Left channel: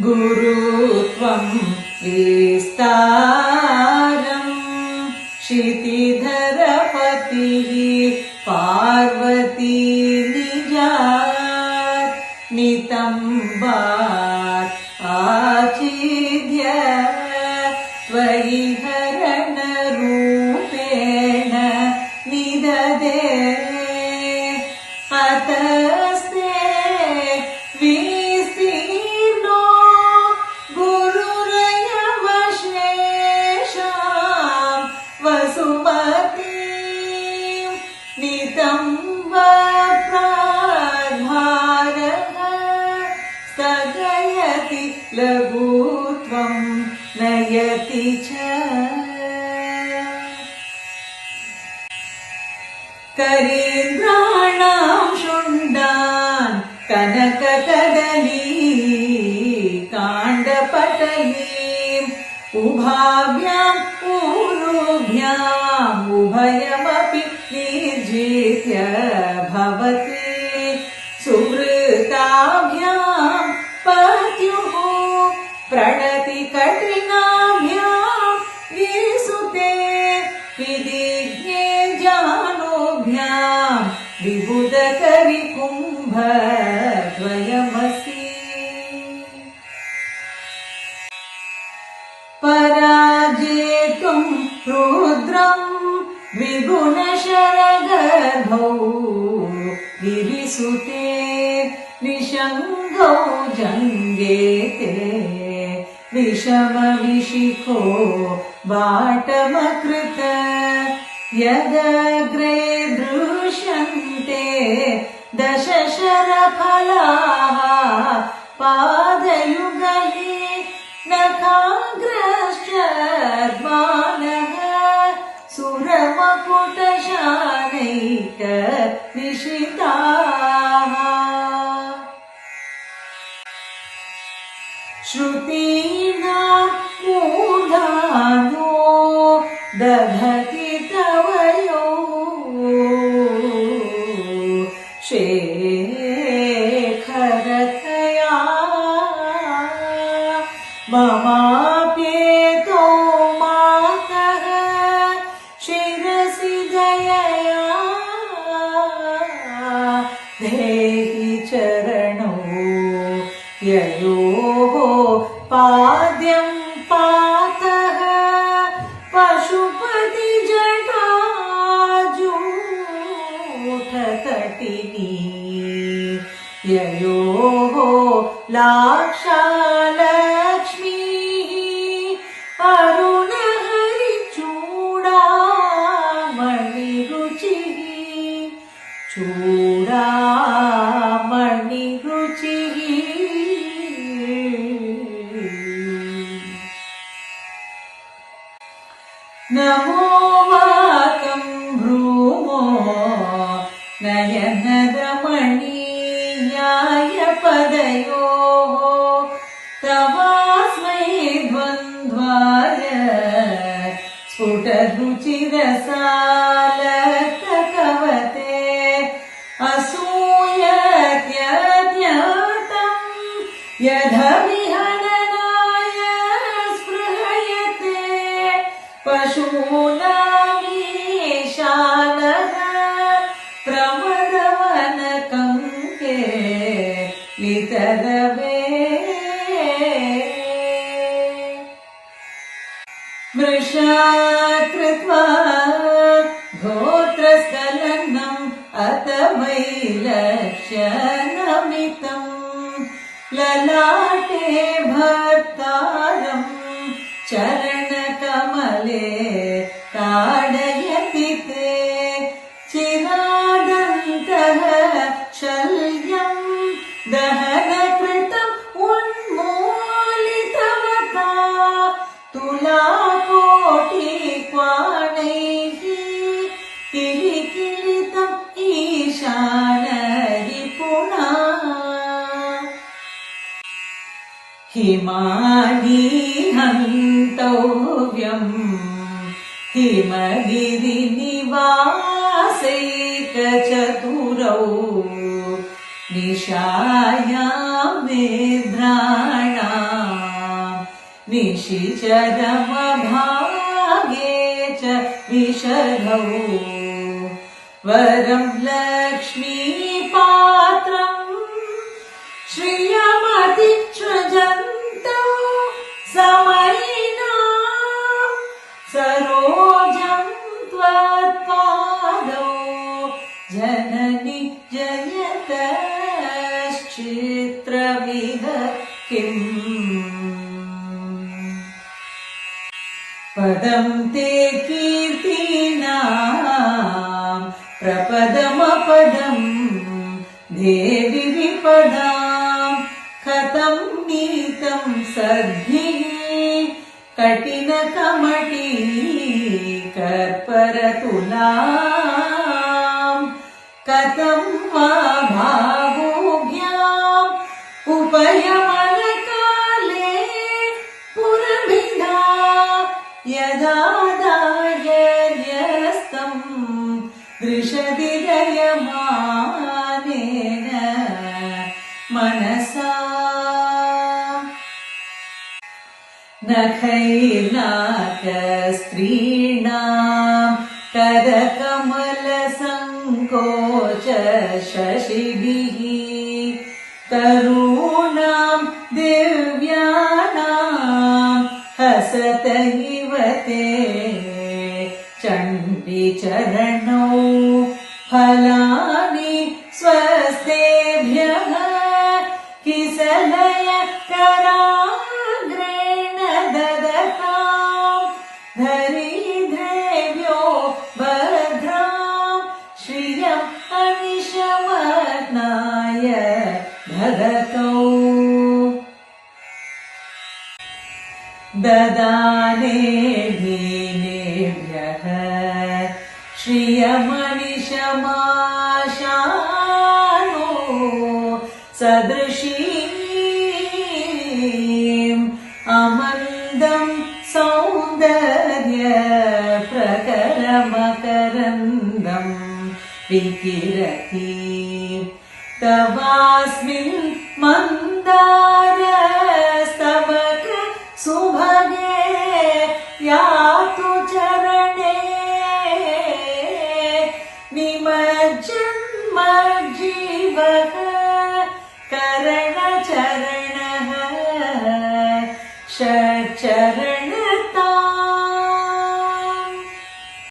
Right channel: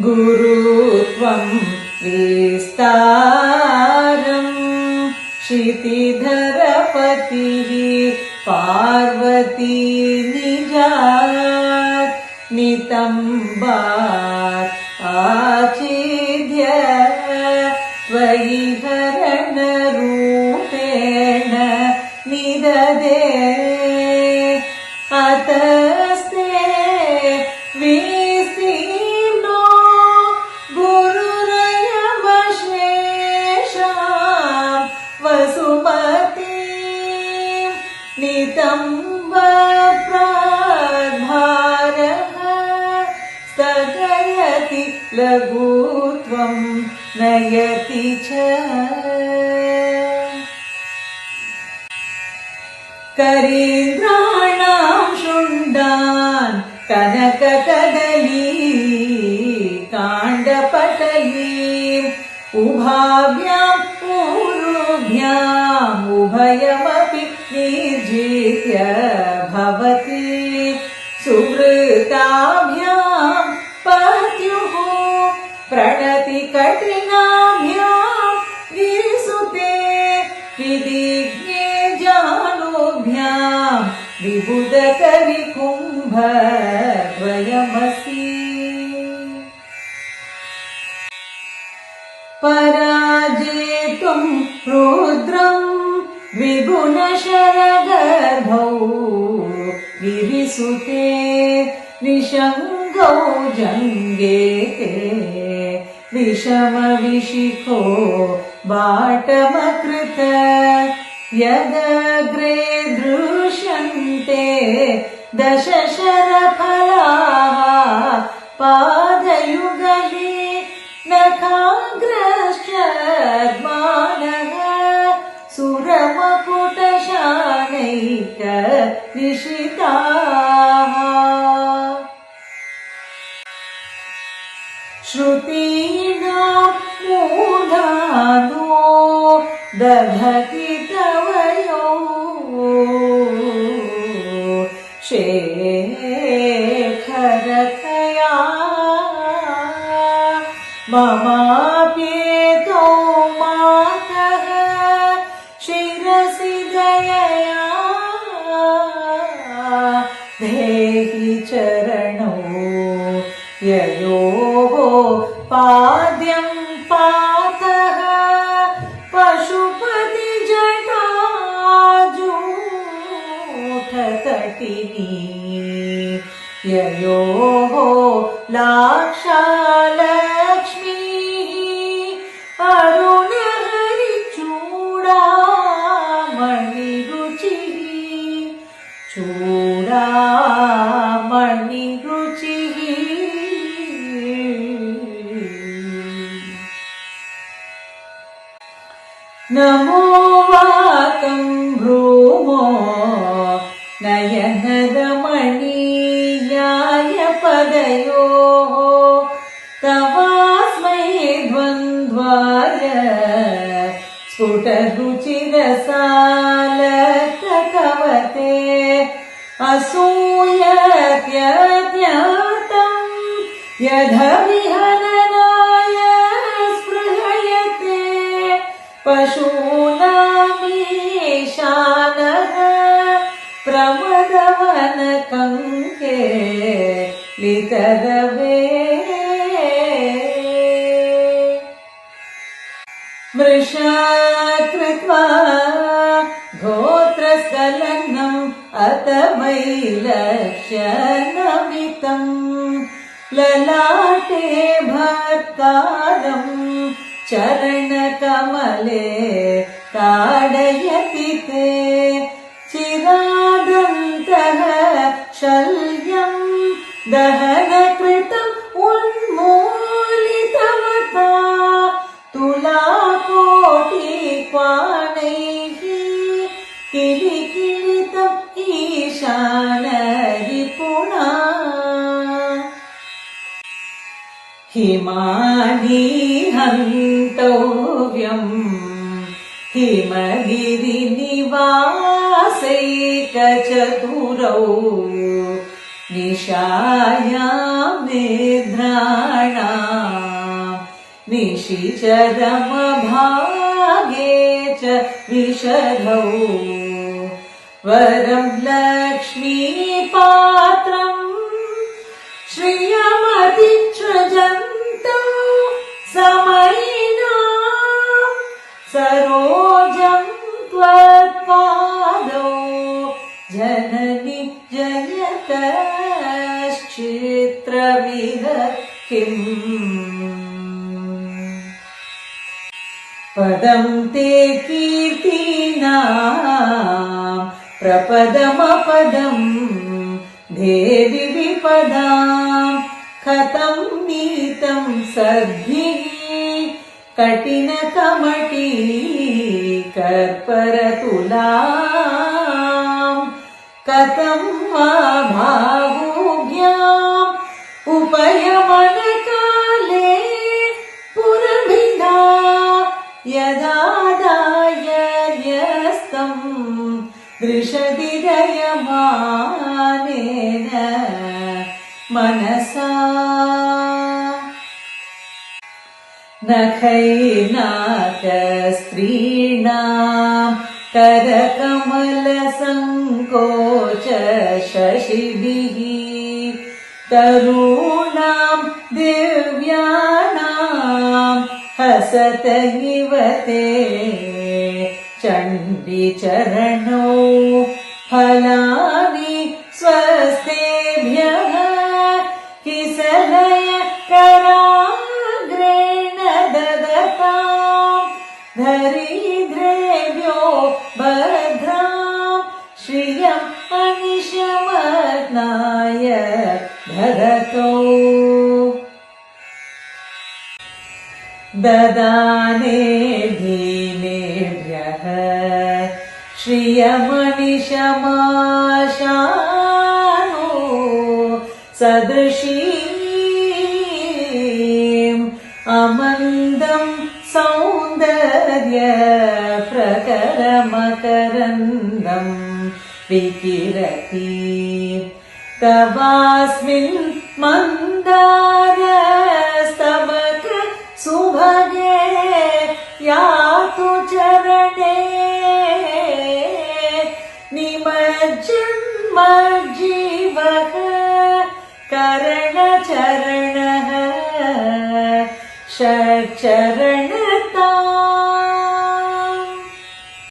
गुरुत्वं विस्तारम् क्षितिधरपतिः पार्वती निजात् नितम्बात् आचिद्य त्वयि हरणरूपेण निददे अतस्ते विस्तीर्णो गुरुरयमशेषां वसुमतीं नितम्बप्राद्भारः स्थगयति लघुत्वं नयति च करीन्द्राणां शुण्डान् कनककदली काण्डपटलीम् उभाभ्यां ऊरुभ्याम् उभयमपि निर्जित्य भवति सुवृताभ्यां पत्युः प्रणति कठिनाभ्यां गिरिसुते विदिज्ञे जानुभ्यां विबुधकरिकुम्भद्वयमसि पराजेतुं रुद्रं द्विगुणशरगर्भौ गिरिसुते निषङ्गौ जङ्गेते विषमविशिखो बाटमकृत यदग्रे दृश्यन्ते दशशरफलाः पादयुगले नखाग्रश्चर्माणः सुरमकुटशानैकनिशिताः श्रुतीनां मूर्धानो दधति तवयो शेखरतया ममाप्येतो मातः शिरसि दयया देहि चरणौ ययोः पाद्यं पातः पशुपतिजटाजूठतटिनी ययोः लाक्षालक्ष्मीः अरुणहरिचूडामणिरुचिः चूडामणिरुचिः नमो वातं भ्रूमो नयनरमणीयाय पदयोः तवास्मै द्वन्द्वाय स्फुटरुचिरसालककवते असूयत्यज्ञातं यदविहननाय स्पृहयते पशूनामीशानः प्रमदवनकङ्के लितरवे मृषात् कृत्वा गोत्रसलग्नम् अत वैलक्ष्यनमितम् ललाटे भर्तारम् चरणकमले ताडयति ते चिरादन्तः शल्यम् दहनकृतम् उन्मूलितवता तुलाकोटिक्वाणैः किलिकिलितम् ईशानरिपुणा हिमानी हन्तव्यम् हिमगिरिनिवासैकचतुरौ निशायां निद्राणाम् निशिचरमभागे च विशधौ वरं लक्ष्मीपात्रम् श्रियमतिसृजन्तौ समयिनाम् सरोजं त्वत्पादौ जननि जयतश्चित्रमिह किम् पदं ते कीर्तीनाम् प्रपदमपदम् देवि विपदाम् कथं नीतं सद्भिः कठिनकमटी कर्परतुलाम् कथं वा भावुभ्याम् उपयमनकाले पुरभिन्दा यदा दायर्यस्तम् दृशति जयमानेन मनसा नखैर्नाकस्त्रीणाम् करकमलसङ्कोच शशिभिः तरूणाम् दिव्यानाम् हसत इव ते चण्डीचरणौ फलानि स्वस्थेभ्यः किसलय कराग्रेण ददताम् धरिद्रेभ्यो भद्राम् श्रियम् अनिशमनाय ददतौ ददाने दीनेभ्यः श्रियमनिशमाशानो सदृशीम् अमन्दम् सौन्दर्य प्रकरमकरन्दम् विकिरति तवास्मिन् मन्दारस्तबक सुभगे यातु चरणे निमज्जन्मज्जीवः करणचरणः षट्चरण